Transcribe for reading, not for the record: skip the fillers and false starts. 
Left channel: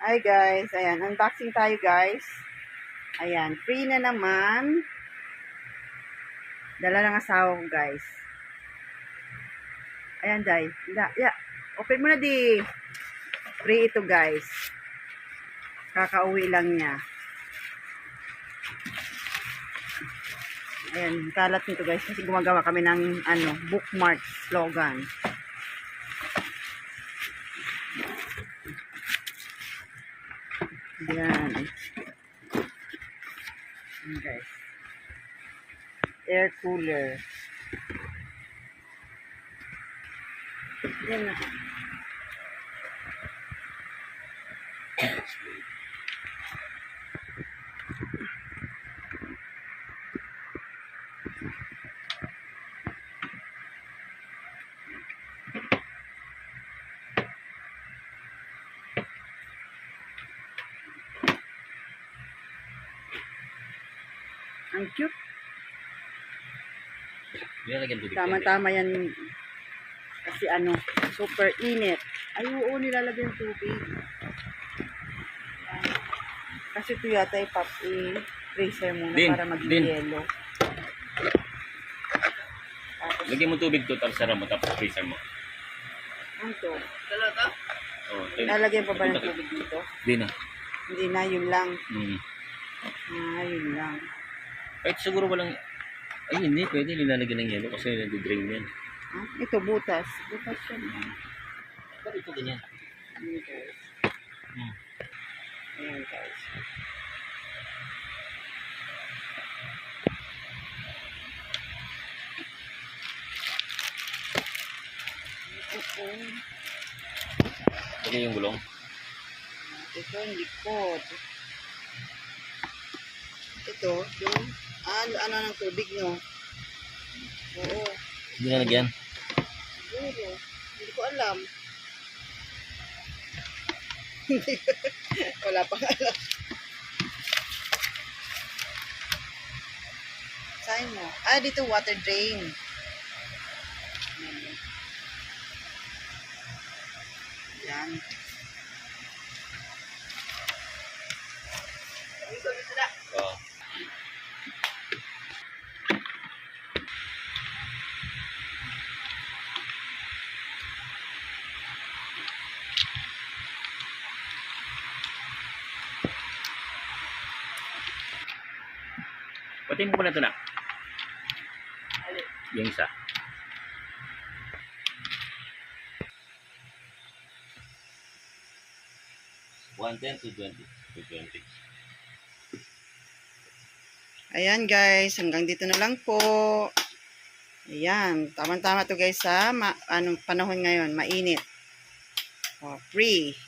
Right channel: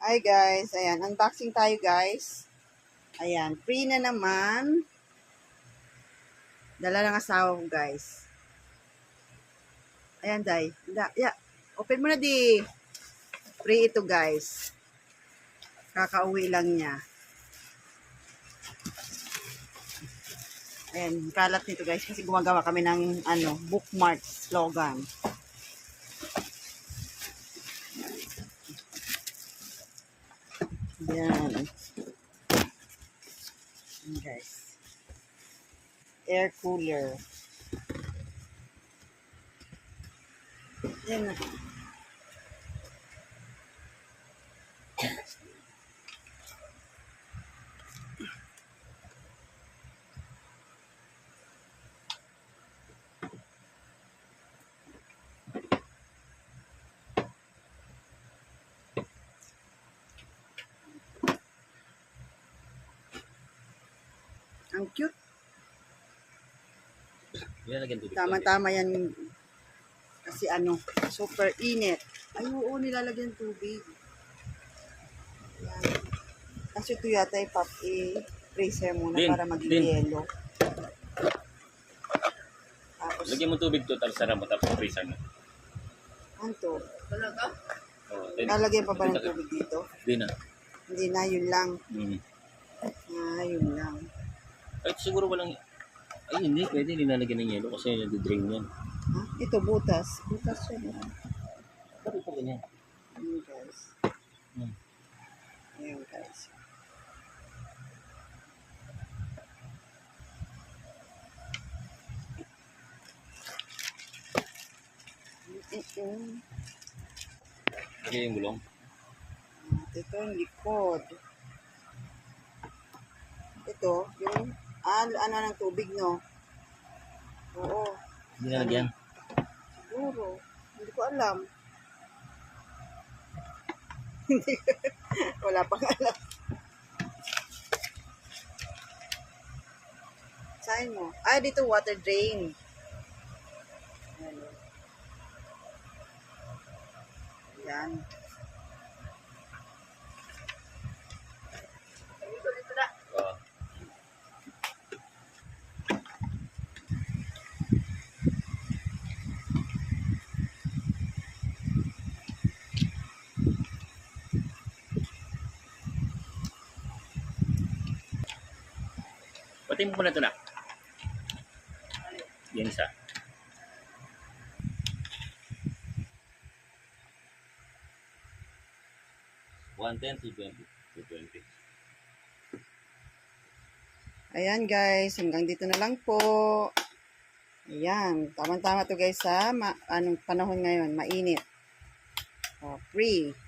Hi guys, ayan, unboxing tayo guys. Ayan, free na naman. Dala ng asawa ko guys. Ayan, Day. Yeah. Open mo na di. Free ito guys. Kakauwi lang niya. Ayan, kalat nito guys kasi gumagawa kami ng bookmark slogan. Ayan. Ayan guys. Air cooler. Ayan na. Ang cute. Tama-tama yan. Kasi super init. Ay, oo, nilalagyan tubig. Yan. Kasi ito yata i-freezer muna para maging yelo. Tapos, lagyan mo tubig to, tapos sara mo, tapos freezer mo. ano to? Talaga? Oh, Lalagyan pa ba ng tubig dito? Hindi na. Hindi na, yun lang. Yun lang. Kahit siguro walang... Ay, hindi. Pwede nilalagyan ng yelo kasi nag-drain yan. Ito, butas. Butas yun. Ba't ito ganyan? Ayan, guys. Ayan, guys. Ito yung gulong. Ito yung likod. Ito, yung ano ng tubig nyo. Oo. Hindi nalagyan. Siguro. Hindi ko alam. Wala pang alam. Sign mo. Dito water drain. Ayan. Yan. Oo. Pati mo muna ito na. Yung isa. $110 to $20. Ayan guys, hanggang dito na lang po. Ayan, tama-tama to guys sa panahon ngayon, mainit. Free.